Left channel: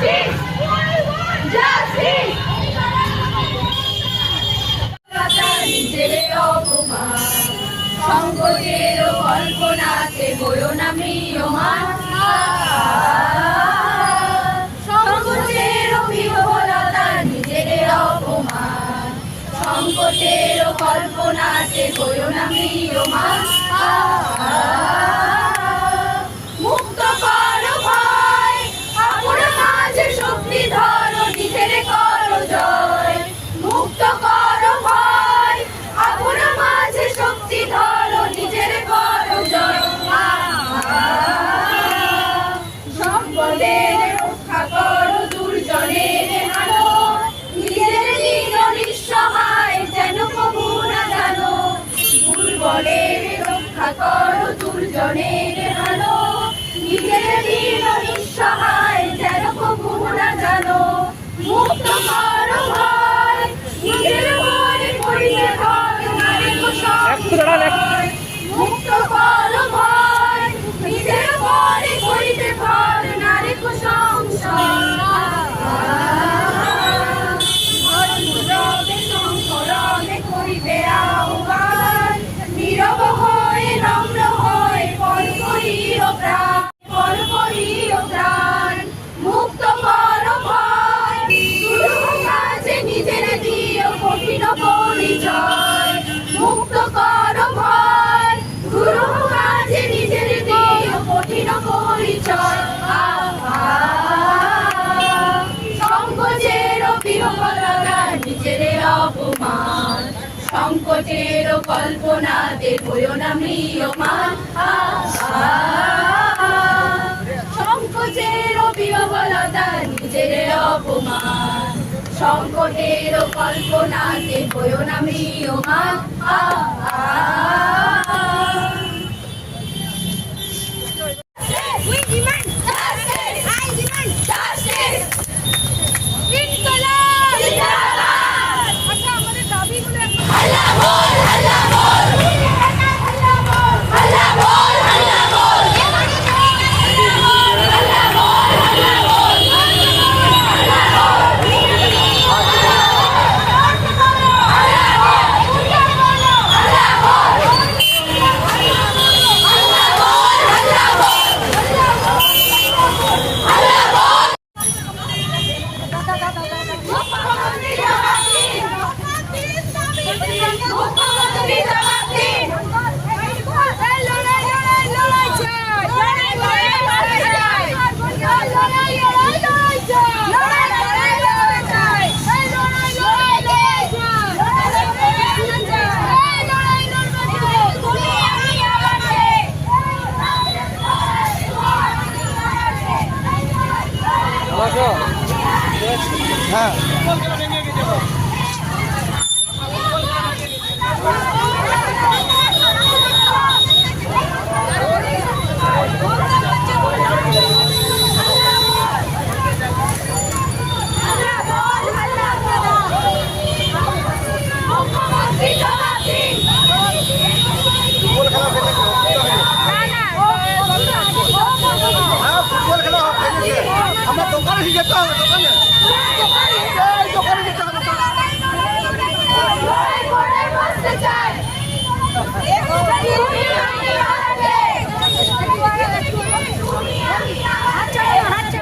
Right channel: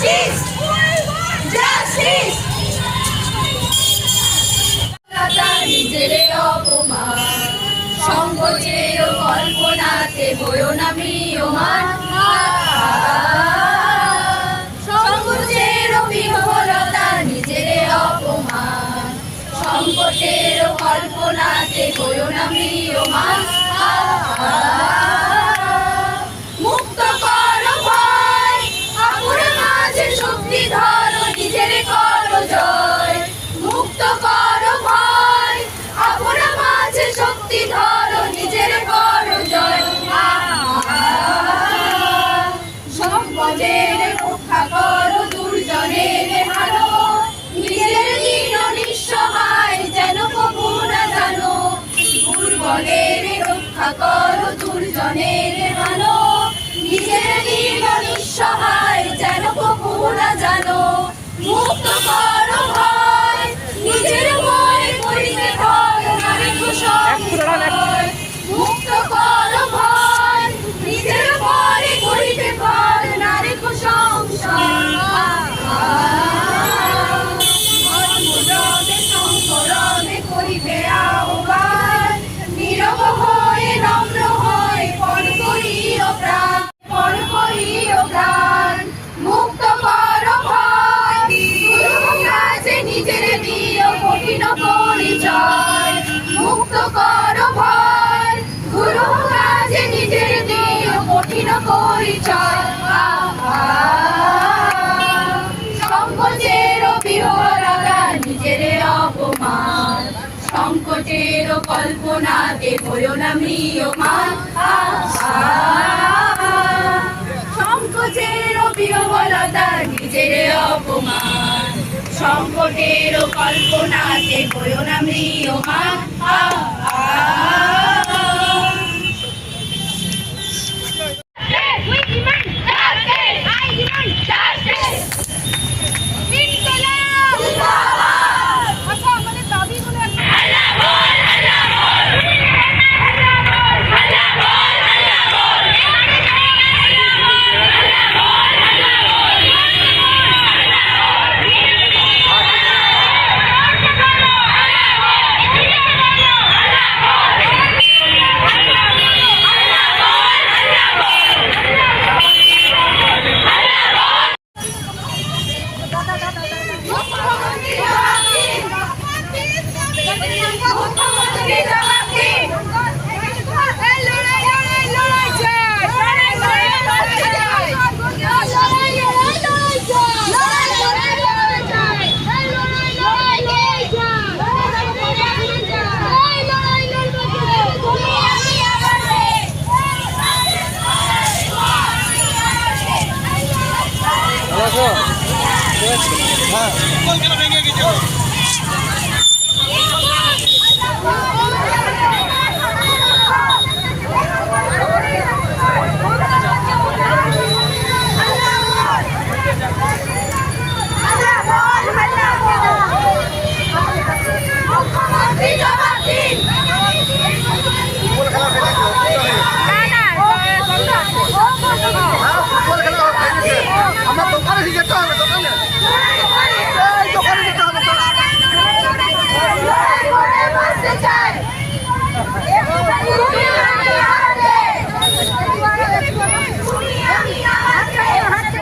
Justice justice কল্পনাতে বয়ো না মিয়মান সংকোচের বিহবলতা নিজেরে অপমান। সংকোচের কল্পনাতে বয়ো না করো দুর্জনের হানো নিজের দিন নিঃসহায় সংকটের কল্পনাতে হইও না মৃয়মান সংকোচের বিহবলতা নিজের অপমান। সংকটের কল্পনাতে হইও না মৃয়মান